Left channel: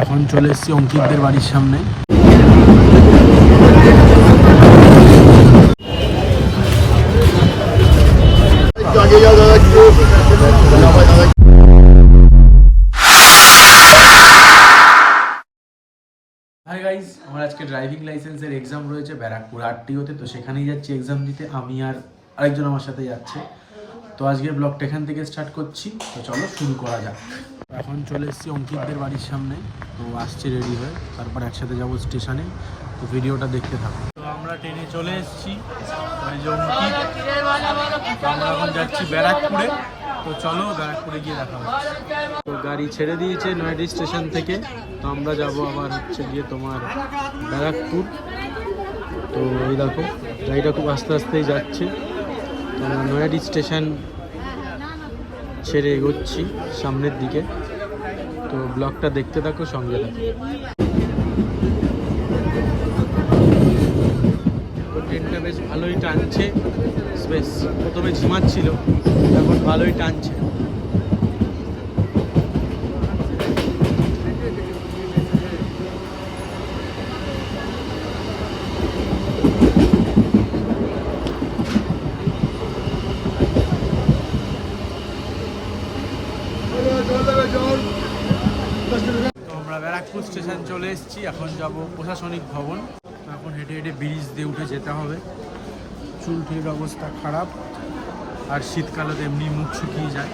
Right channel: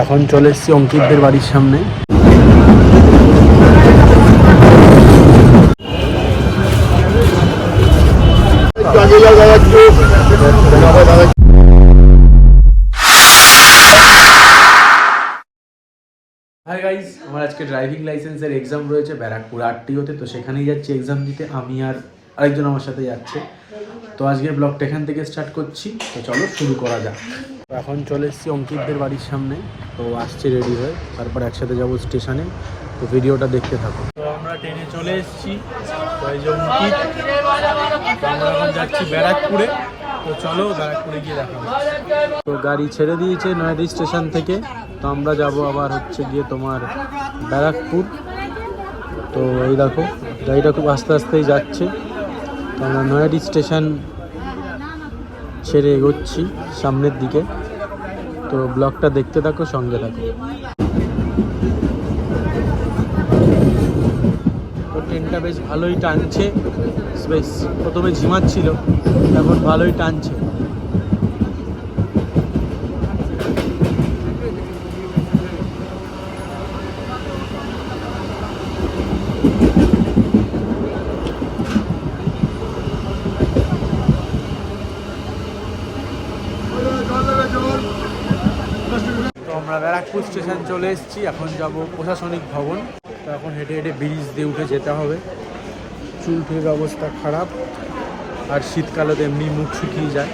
এখন চলে এসেছি অঙ্কিতদের বাড়ির সামনে। হাই গাইস, আমার আজকে ড্রাইভিং লাইসেন্সের এক্সাম রয়েছে ব্যারাকপুর আরটিওতে। তো সেখানেই যাচ্ছি এক্সাম দিতে। আমি আর আরেকজন আমার সাথে যাচ্ছে। তো আজকের ব্লগটা এখান থেকে স্টার্ট করছি। তো চলো শুরু করা যাক। এখন চলে এসেছি অঙ্কিতদের বাড়ির সামনে। তো আসছে রেডি হয়ে, তারপর একসাথে যাবো স্টেশনে। তো ভিডিওটা দেখতে থাকো। তো আমরা ট্রেনে চলে এসেছি। তো এই যে অঙ্কিত, তো আমরা এখন যাচ্ছি ব্যারাকপুরে। তো চলো ব্যারাকপুরে গিয়ে দেখা হবে। তো গাড়ি ছেড়ে দিয়েছে নয়াডি স্টেশন থেকে। তো আমরা যাব আবার হচ্ছে গিয়ে তোমার ব্যারাকপুর। তো এই দেখো গাড়িটা খুব আস্তে আস্তেই যাচ্ছে। তো আমরা নয়াডি স্টেশন ছেড়ে এগোচ্ছি সামনের দিকে। তো ব্লগটা দেখতে থাকো, সঙ্গে থাকো। তো ট্রেনটা বেশ ভালোই টানছে। বেশ প্রথমে ঝিমাচ্ছিল, এখন ভালোই টানছে। তো আমরা ব্যারাকপুর স্টেশন চলে এসেছি। এখন যাব প্রশাসনিক ভবন। তো এখন হেঁটে হেঁটে ব্রিজ দিয়ে উঠে যেতে হবে। চুল টুলের অবস্থা খারাপ, আর শীতকালে তো এমনি মুখ শুকিয়ে যায়।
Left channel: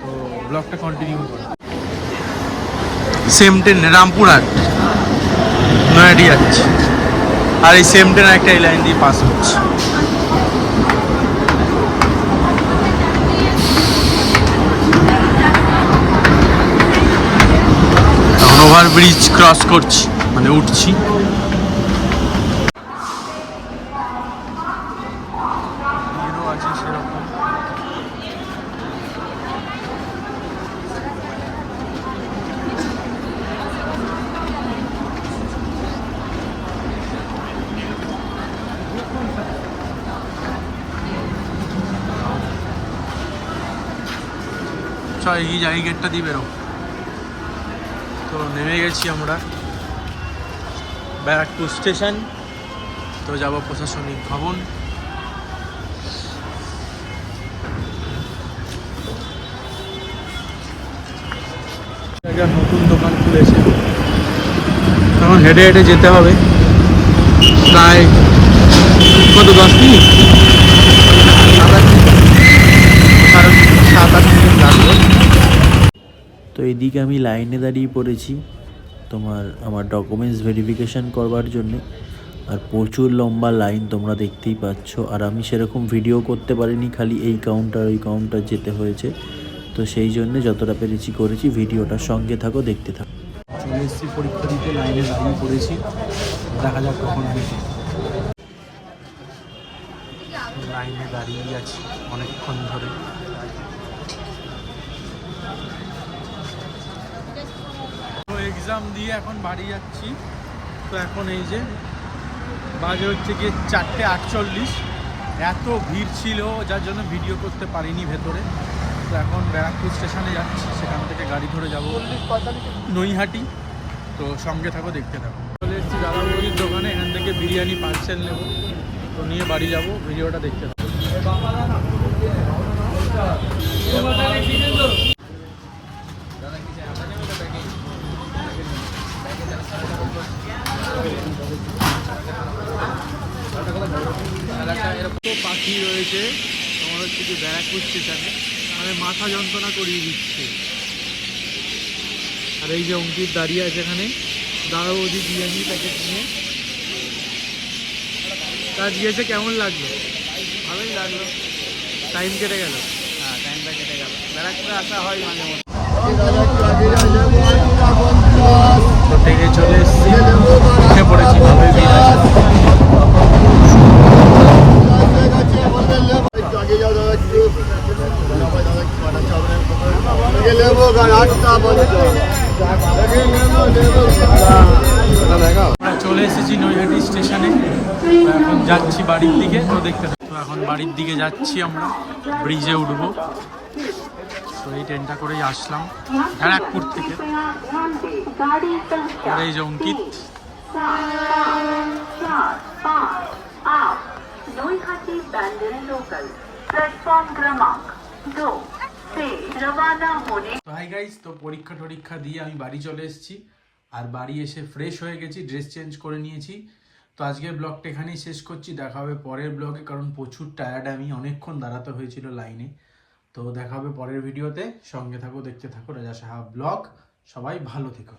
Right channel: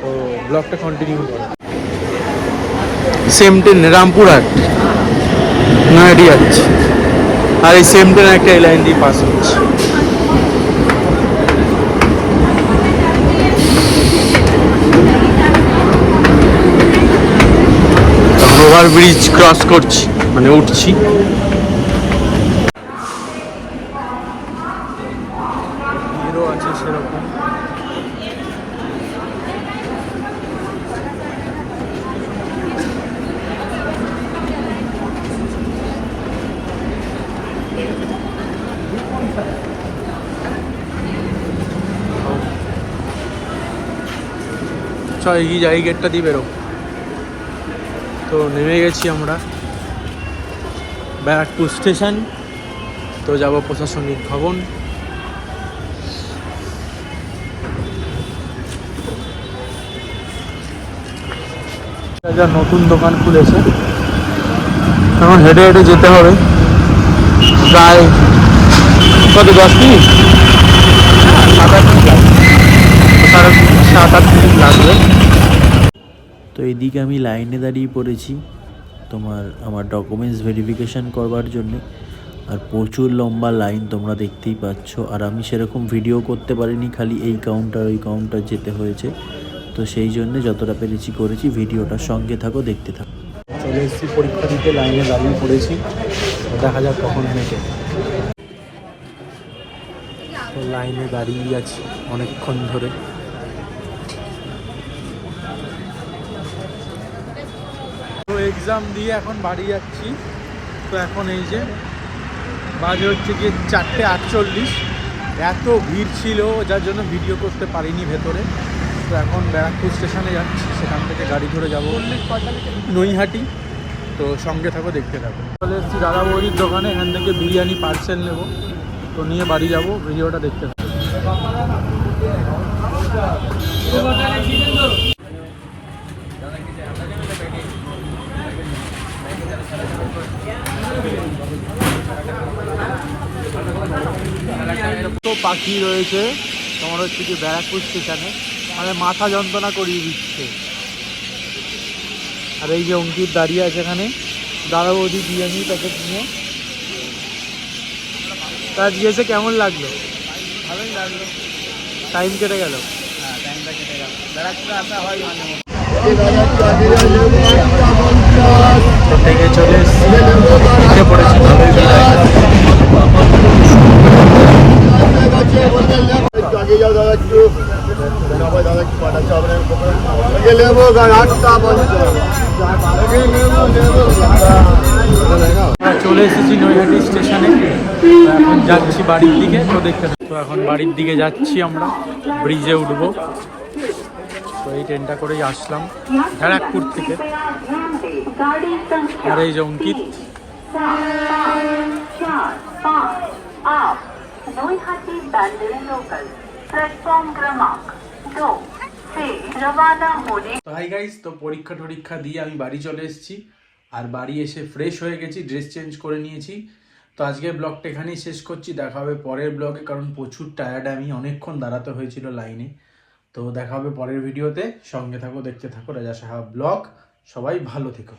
তো ব্লগটা কন্টিনিউ করো। সেম ট্রেন রামপুরহাট নয়াডি যাচ্ছে, আর এই সেম ট্রেন একটা এই লাইন দিয়ে পাস হচ্ছে। এখন ওভারব্রিজ ক্রস করছি, মানে উঠছি। হিরো আছে সেরকম। এই গেটটা দিয়ে বেরো। তো নেমে গেছি আমরা ব্যারাকপুর স্টেশন। তো যাব প্রশাসনিক ভবন। নতুন দোকান খুলেছে। এখন হেঁটে হেঁটে যেতে হবে প্রায় কত 10 মিনিট, 7-8 মিনিট লাগবে। তো এইদিকে আমি লাইনে দাঁড়িয়ে পড়েছি আমার ডকুমেন্টস ভেরিফিকেশান করবার জন্যে। আর প্রচুর লম্বা লাইন তোমরা দেখতেই পাচ্ছ। আর আমি সেরকম ভিডিও করতে পারিনি, খালি এই কাউন্টার ওই কাউন্টার যেতে হয়েছে। তো সেই জন্যে যতটা পেরেছি করেছি। ভিডিওটার সঙ্গে থাকো, দেখতে থাকো। চলে এসেছি পরীক্ষা দিতে, লাইনে দাঁড়িয়ে পড়েছি। তো দেখা যাক কখন মেটে। তো লাইনে দাঁড়িয়ে আছি অনেকক্ষণ ধরে। তো এক্সাম দিয়ে এখন বাড়ি যাচ্ছি। তো এখন এই যে বাজে হচ্ছে গিয়ে 4:48। এত ভিড় ছিল যার জন্য ভিডিও করতে পারিনি ভেতরে। তো এখন ব্যারাকপুর স্টেশনে যাচ্ছি, সেখান থেকে গাড়ি ধরে যাব নৈহাটি। তো সঙ্গে থাকো, দেখতে থাকো। চলে এসেছি দাদা বৌদির দোকানে। এখান থেকে বিরিয়ানি পার্সেল নেব। তো নিয়ে বাড়ি যাব, ভিডিওটা দেখতে থাকো। তো পাখি রয়েছে তোমার হচ্ছে কি ব্যারাকপুর স্টেশনে, মানে মাথা যন্ত্রণা করিয়ে দিচ্ছে। আর এই যে অঙ্কিত দাঁড়িয়ে আছে এখানে দাদা বৌদি বিরিয়ানি প্যাকেট নিয়ে। তার দিয়েছে, কেমন লাগলো? ভালোই লাগলো। টাইম কেটে গেল। হ্যাঁ, টাইমটা কেটে গেল। ব্যারাকপুরে আসা হয় মানে থেকে চলে এসেছি, উঠে পড়েছি। ভালোই চলে এসেছি নৈহাটি স্টেশনে। এখন যাচ্ছি বাড়ির দিকে। তো দেখতে তো এখন বাড়ির দিকে যাচ্ছি আমরা, ব্রিজে উঠবো। তো এই ট্রেনটা করেই আসলাম ব্যারাকপুর থেকে। गाड़ी संख्या আর এই যে অঙ্কিত 4, 5 आप नोईखाती बैंगलोर लोकल प्लेटफॉर्म क्रमांक 2 से रवाना होने। তো হাই গাইস, তো পরীক্ষা দিয়ে আমি বাড়ি চলে এসেছি আর বাড়ি এসে ফ্রেশ হয়ে গেছি, ড্রেস চেঞ্জ করে নিয়েছি। তো আজকের ব্লগটা এখানেই শেষ করছি, দেখা হবে পরের ব্লগে, কারণ প্রচুর টায়ার্ড, আমি অনেকক্ষণ দাঁড়াতে হয়েছিল লাইনে। তো দেখা হবে পরের ভিডিওতে, সঙ্গে থাকো, দেখতে থাকো রাজা সাহা ব্লগ। সবাই ভালো থেকো।